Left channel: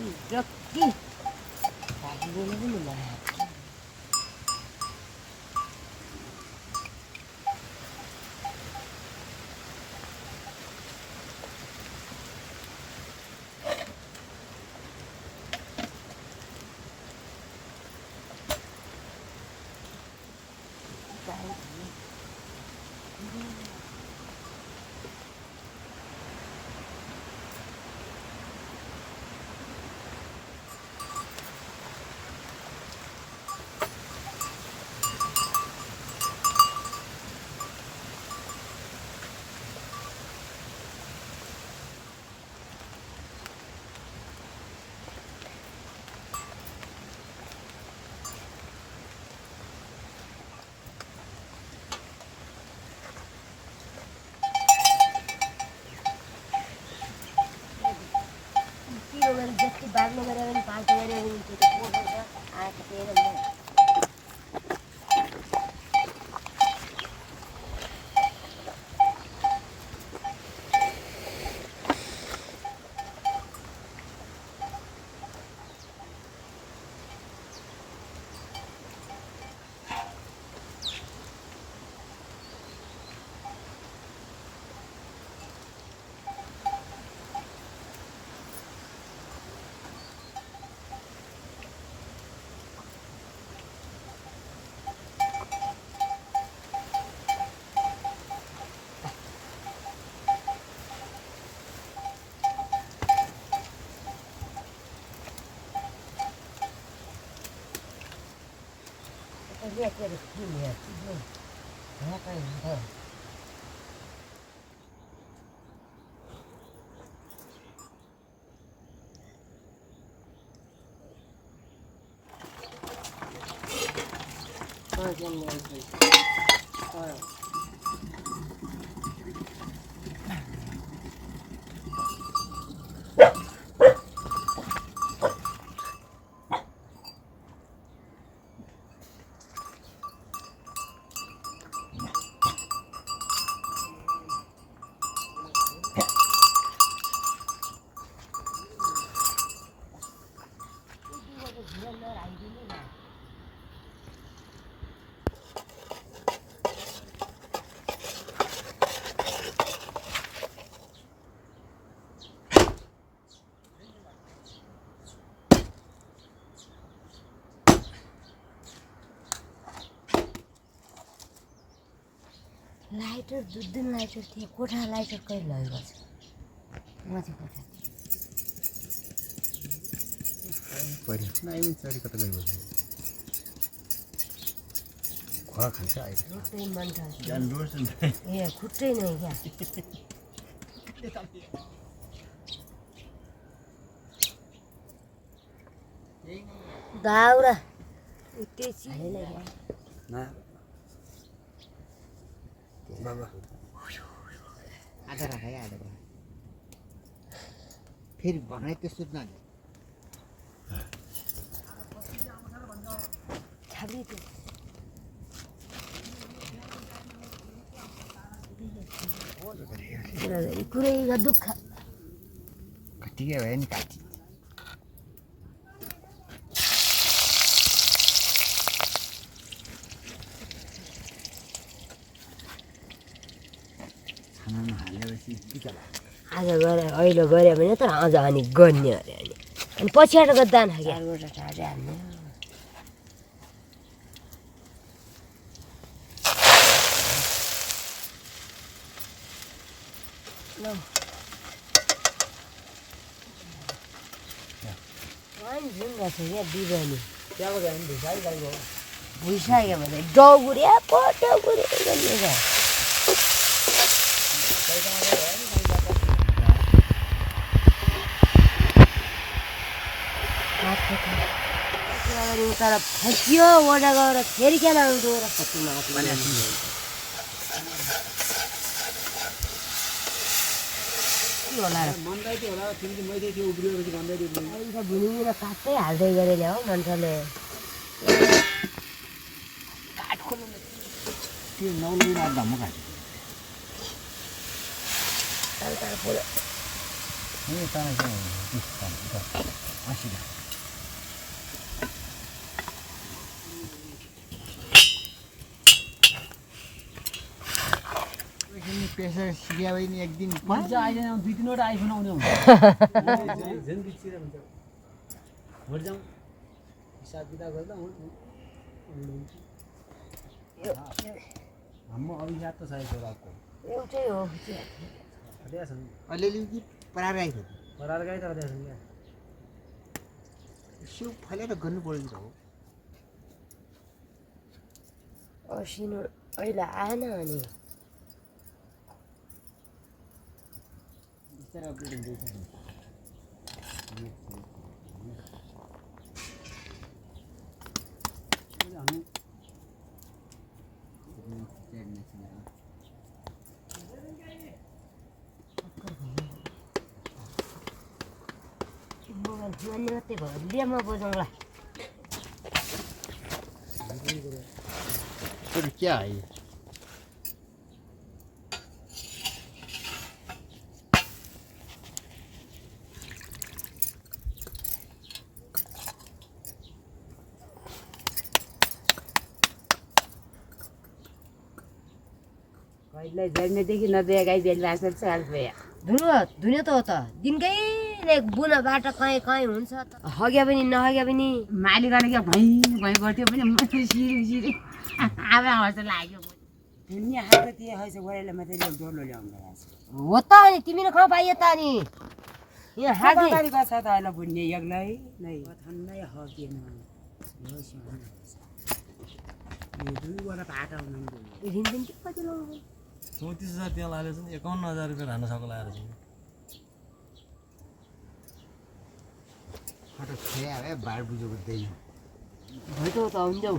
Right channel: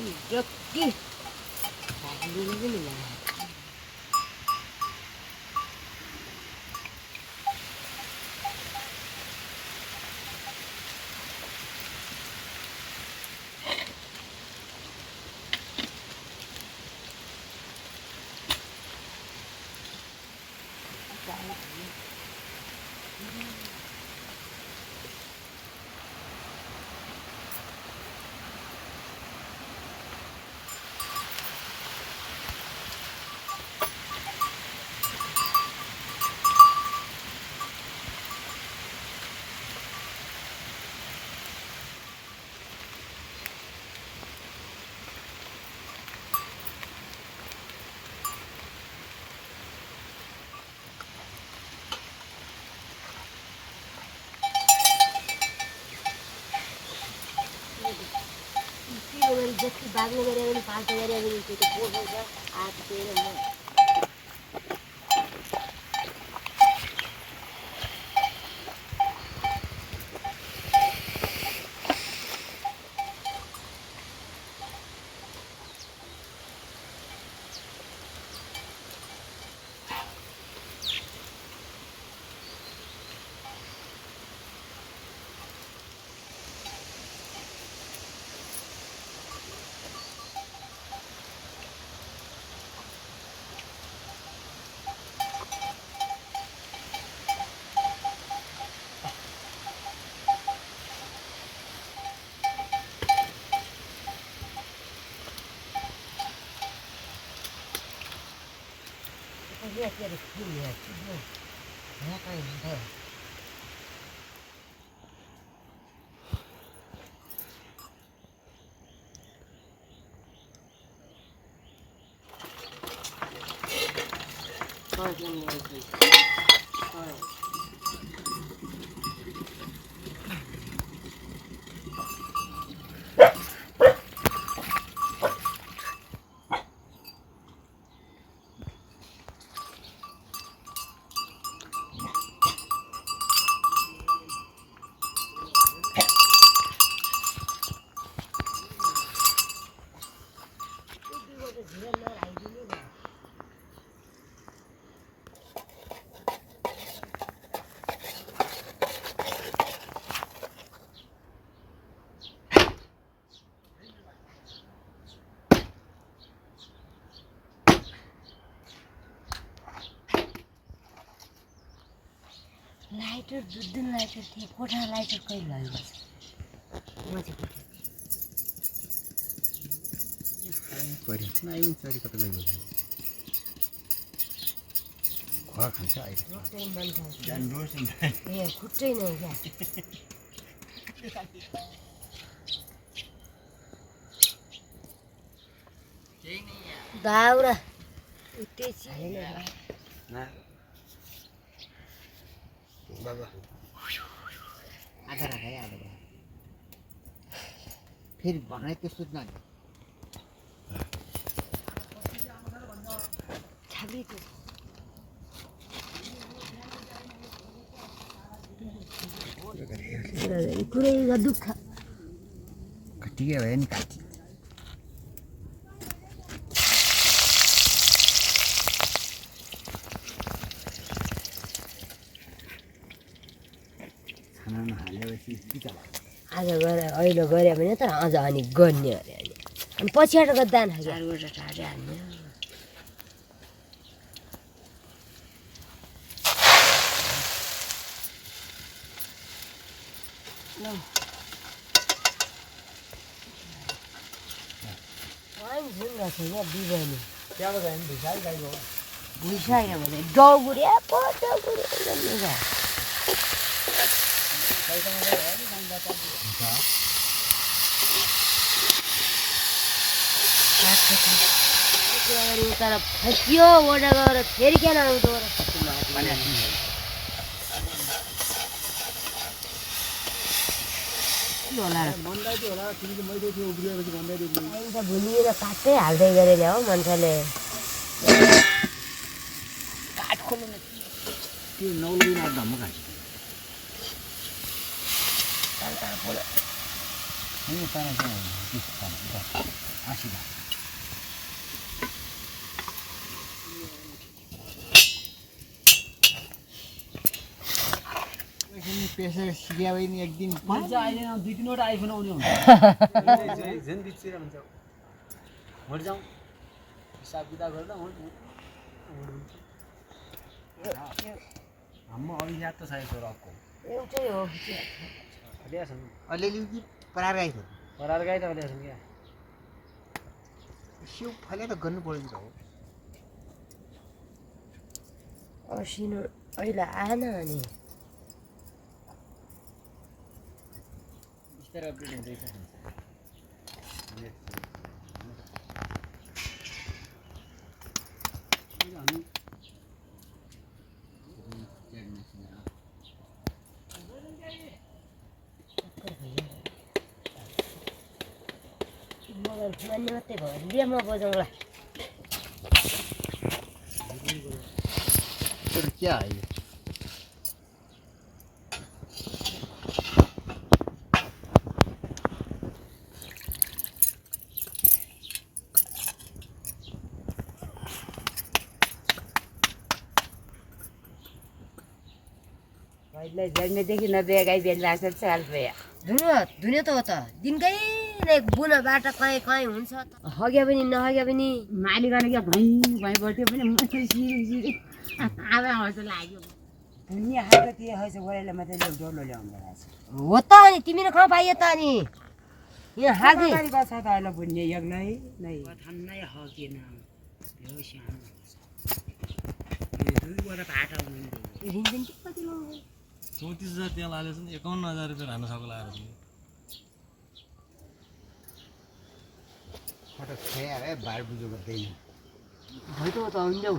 Rökti. Tadi ni ni lah. जस्तो बाग्ने गरे पनि पाल्टे गरे पनि त्यो पोखेर आँटेर म lihat dari sini ya, coba. Apa ini? Tahu? Kau yang ni lagi. Kau. Lighter दुध लाइटर थिए कोठा लाइटर कहिले लगेको छ माथि कोठा परि नाइ चरी कता गयो खुवा खान्छ अहिले रोटै मन खान्छ जान रोस ए खुट्टै नै क्या दाउरा उतेसी ना बाबा आधा राखे आधा फेरि भनाइ त्यस्तो न छाबी त पुरै दुःख कटिया भयो नि काटी आज गएर अहिले गऱ्यो भने त अझ अनि गन्ने अरे अनि पछाडि गर्दा हाल्ने भुइसक्यो भने डौगुरे पटौगुरे भन्ने तर फसियो ओडा गएर फेरि किन आउँदो र फसिमा होला मन्दाइ थियो होला तिमीले मैले त्यो उब्रिएपछि भन्दै दिनु अहिले त भुलिएर काटै हाल्दै गरे ल्याऊ मान्छेले काट खोल्नु त्यो नौलुन धम्म काट्यो नि ताना के हँसिदा पेसा सिक्या भने एक दिन मजा आइदैन 2-3 वटा आइफोन आउने हुन्छ झन् दिच्छिन भन्छ मर जाउँ हिसाब किताब गरेर हाम्रो अभिशाप त छ छोराको एउटै हो अलिया छन् अलिअलि परार आइफोन परार गाई त अलिया छन् क्या सिउ फलेर गर्नु पर्छ हो असिनो अहिले आएन अनि बिस्तारै अपडेट हुँदैछ मोबाइल मान्ने मात्रै भयो लिएमा बजाउँला तर क्या आयो भाइलाई जन्मेदेखि नदिए गाई बेच्दा चाल भयो धुने त हो त दिनकै नै बुनाबाट कहीँ कहीँ हुन्छ त हग्या पनि नहग्या पनि मालिकले क्या भैँ भैँ गर्थ्यो पनि मात्रै सिरी आमा हर्ष लाग्यो दुनियाँ खाएको त्यो हैछ गोरेले मात्रै डोलो ल्याउनु रहेछ हो त अनि तिमीले कहाँ पाइयो त अनि यहाँ हागी छ त अहिले बुझ्ने एक्लै नै ठन्नै हकिएन यो सानो यो 2 वटा पाटा हुनु ऋण पनि कति लाउँछ 34,000 त्यहाँ लागेको छ नि 51,000 रुपियाँ रानुसाको लागेको छ फटक खया है बार बुझो गर्दैन भइतो त आउनु जाऊ